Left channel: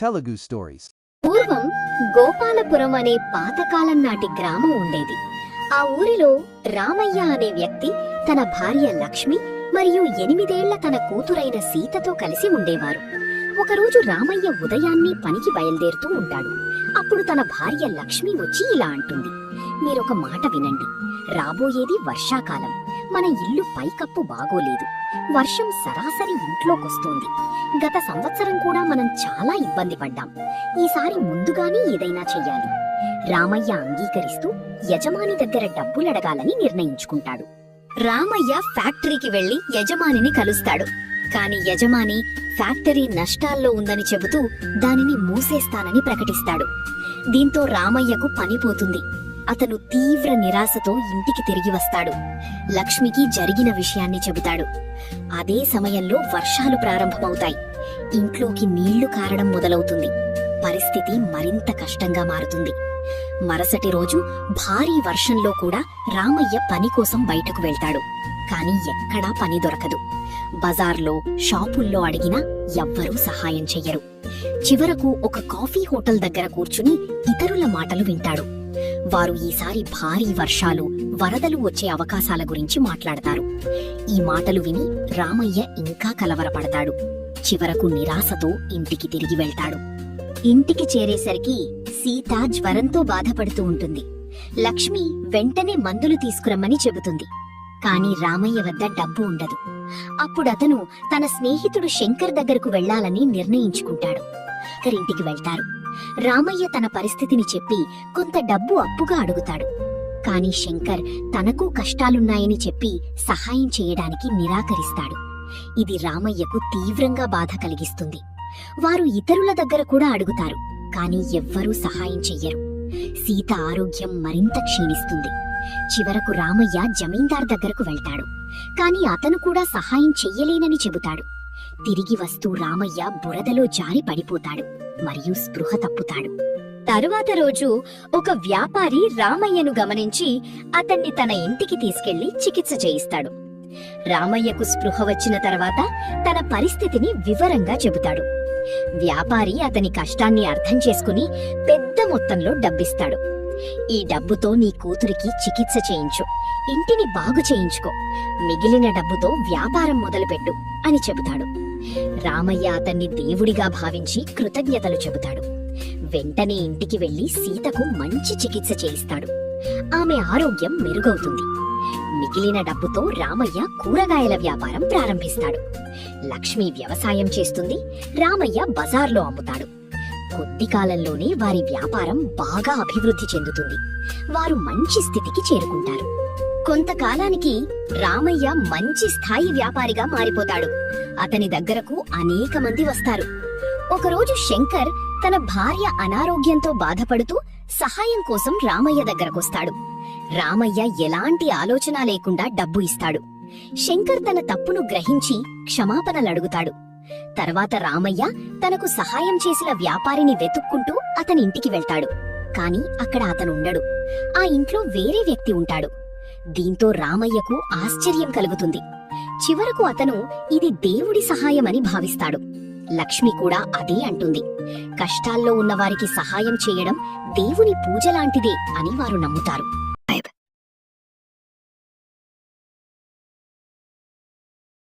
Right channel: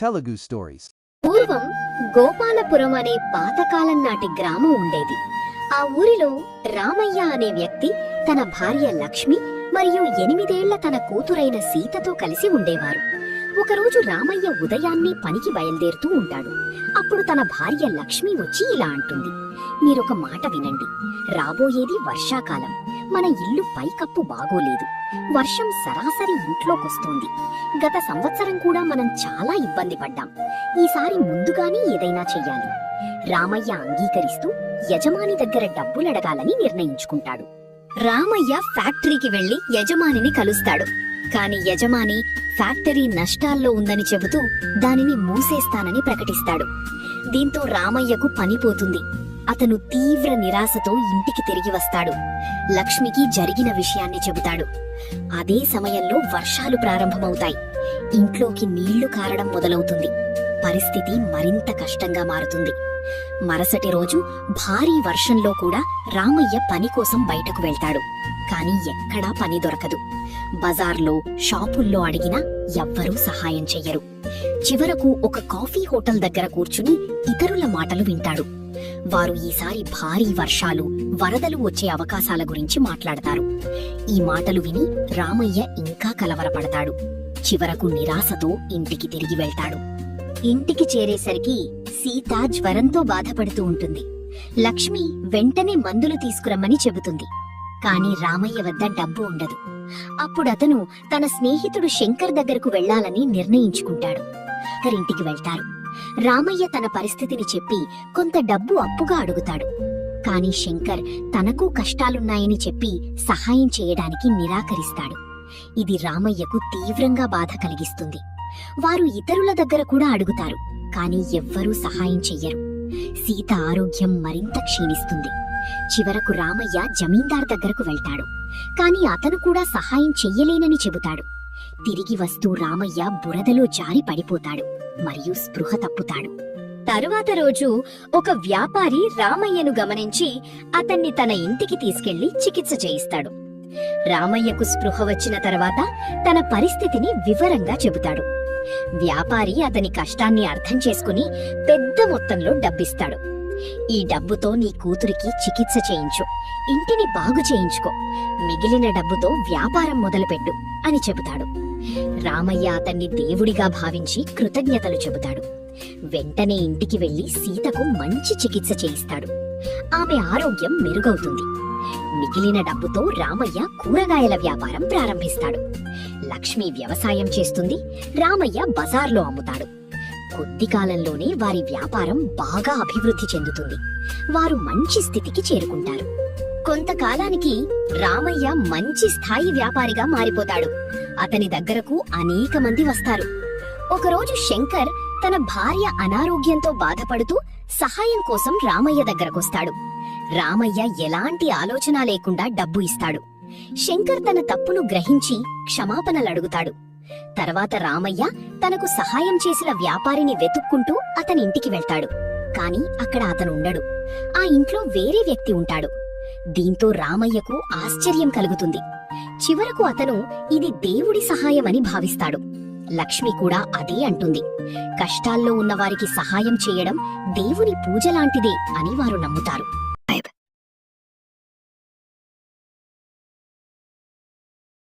Telugu Stories. పూర్వం గోపాలపురం అనే పాతకాలం నాటి గ్రామం ఉండేది. ఆ ఊరిలో రామయ్య అనే వ్యక్తి తన భార్య లక్ష్మి మరియు 8 ఏళ్ల తన కూతురైన సీతతో కలిసి ఉండేవారు. ఒకరోజు రామయ్య ఉదయాన్నే పనికి బయలుదేరుతూ ఉంటాడు. అప్పుడు తన భార్య లక్ష్మి వచ్చి ఇలా అంటుంది, మీరొక మాట వినండి, రాబోయేది వర్షాకాలం. మన ఇల్లు పైకప్పు బాగోలేదు. వర్షం సరాసరి ఇంట్లోకొస్తుంది. గత సంవత్సరం కూడా మనం చాలా ఇబ్బంది పడ్డాం. ఈసారి ముందుగానే ఏదైనా చెయ్యాలి. రామయ్య అంగీకరిస్తూ యజమాని దగ్గర డబ్బులడగాలని నిర్ణయించుకుంటాడు. రామయ్య ఫ్యాక్టరీకి వెళ్లి యజమానిని కలుస్తాడు. కాని యజమాని ఫ్యాక్టరీ నష్టాల్లో ఉందని చెబుతూ దానిని మూసేస్తానని ప్రకటిస్తాడు. దీంతో రామయ్యకు పనిపోతుంది. అతను తీవ్ర నిరాశతో ఇంటికి తిరిగి వస్తాడు. లక్ష్మికి జరిగిన విషయాన్ని చెబుతాడు. అదే సమయంలో వర్షాలు ప్రారంభమవుతాయి. ఇంట్లోకి నీళ్లు కారడం మొదలవుతుంది. పరిస్థితి మరింత కష్టంగా మారుతుంది. మరుసటి రోజు భారీ వర్షంలో కూడా రామయ్య పని కోసం బయటకు వెళ్తాడు. కాని ఎక్కడా పని దొరకదు. బజార్లో, షాపుల్లో అడిగినా ఎవ్వరూ సహాయం చెయ్యరు. చివరకు ఒక కాఫీ హోటల్ దగ్గర కూర్చుని ఇతరుల మాటలు వింటాడు. వారు ఈసారి భారీ వర్షాలు, వరదలు వచ్చే అవకాశాల గురించి మాట్లాడతారు. ఈ మాటలు విని రామయ్య ఇంకా కలవరపడతాడు. చివరకు నిరాశతో ఇంటికి తిరిగి వెళ్తాడు. ఇంటికి చేరేసరికి సీత జ్వరంతో బాధపడుతూ ఉంటుంది. లక్ష్మి వెంటనే మందులు తీసుకురమ్మని చెబుతుంది. కాని రామయ్య వద్ద డబ్బు ఉండదు. అప్పుడతను తన స్నేహితుడు శంకర్ దగ్గరకు వెళ్లాలని నిర్ణయించుకుంటాడు. ఇంటికి వెళ్తారు. రామయ్య తన పరిస్థితిని చెప్పి కొంత డబ్బు అప్పుగా అడుగుతాడు. కాని శంకర్ తనకు కష్టాలున్నాయని చెప్పి సహాయం చేయడానికి నిరాకరిస్తాడు. ఇది రామయ్యకు తీవ్రంగా బాధ కలిగిస్తుంది. వారు ఇతరుల దగ్గర కూడా అడుగుతారు. కాని ఎవ్వరూ సహాయం చెయ్యరు. సీత ఆరోగ్యం మరింత క్షీణిస్తుంది. చివరకు రామయ్య జమీందార్ దగ్గరకు వెళ్తాడు. కాని అతను కూడా సహాయం చెయ్యలేనని చెబుతాడు. తిరిగి వస్తూ రామయ్య బురదలో జారి పడిపోతాడు మరియు స్పృహ తప్పుతాడు. తరువాత రోజు ఒక వ్యాపారి రామయ్యను గమనించి అతన్ని తన ఇంటికి తీసుకెళ్లి చికిత్స చేయిస్తాడు. రామయ్యకు స్పృహ వచ్చిన తర్వాత తన పరిస్థితిని వివరంగా చెబుతాడు. వ్యాపారి అతని కష్టాన్ని అర్థం చేసుకుని పెద్ద మొత్తంలో డబ్బిస్తాడు. ఈ డబ్బుతో నీ కూతురికి చికిత్స చేయించు, ఇంటిని బాగు చేయించుకో, మిగిలిన డబ్బుతో వ్యాపారం మొదలుపెట్టు అని చెబుతాడు. రామయ్య అతన్ని దేవుడిగా భావించి కృతజ్ఞతలు చెబుతాడు. వెంటనే ఇంటికి వెళ్లి సీతకు మంచి చికిత్స చేయిస్తాడు. ఆమె ఆరోగ్యం మెరుగవుతుంది. మిగిలిన డబ్బుతో రామయ్య కూరగాయల వ్యాపారం ప్రారంభిస్తాడు. లక్ష్మి వ్యవసాయం చేస్తుంది. రామయ్య బజార్లో అమ్ముతాడు. కొద్ది కాలంలోనే వారి వ్యాపారం బాగా అభివృద్ధి చెందుతుంది. వారు మంచి స్థితికి చేరుకుంటారు. కొంతకాలానికి రామయ్య మంచి స్థాయి వ్యాపారిగా మారిపోతాడు. అతని దగ్గరకు అనేక మంది వస్తారు. ఒకరోజు శంకర్ తన భార్య అనారోగ్యంతో బాధపడుతూ సహాయం కోసం రామయ్య దగ్గరకొస్తాడు. రామయ్య ఎలాంటి ఆలోచన లేకుండా డబ్బు ఇస్తాడు. శంకర్ తన తప్పును గ్రహించి క్షమాపణలడుగుతాడు. తర్వాత రామయ్య తనకు సహాయం చేసిన వ్యాపారిని వెతుక్కుంటూ అతని ఇంటికి వెళ్తాడు. కాని అక్కడ అతను ఉండడు. ఆ ఇంట్లో వేరే వ్యక్తి ఉంటాడు. దీంతో రామయ్యకు ఆశ్చర్యం కలుగుతుంది. చివరకు అతను ఇది దేవుడి సహాయమని భావిస్తాడు. లక్ష్మి కూడా అదే అంటుంది. కష్టాల్లో ఉన్నవారికి సహాయం చేయడం దేవుని పూజలాంటిదే అని వారు నమ్ముతారు.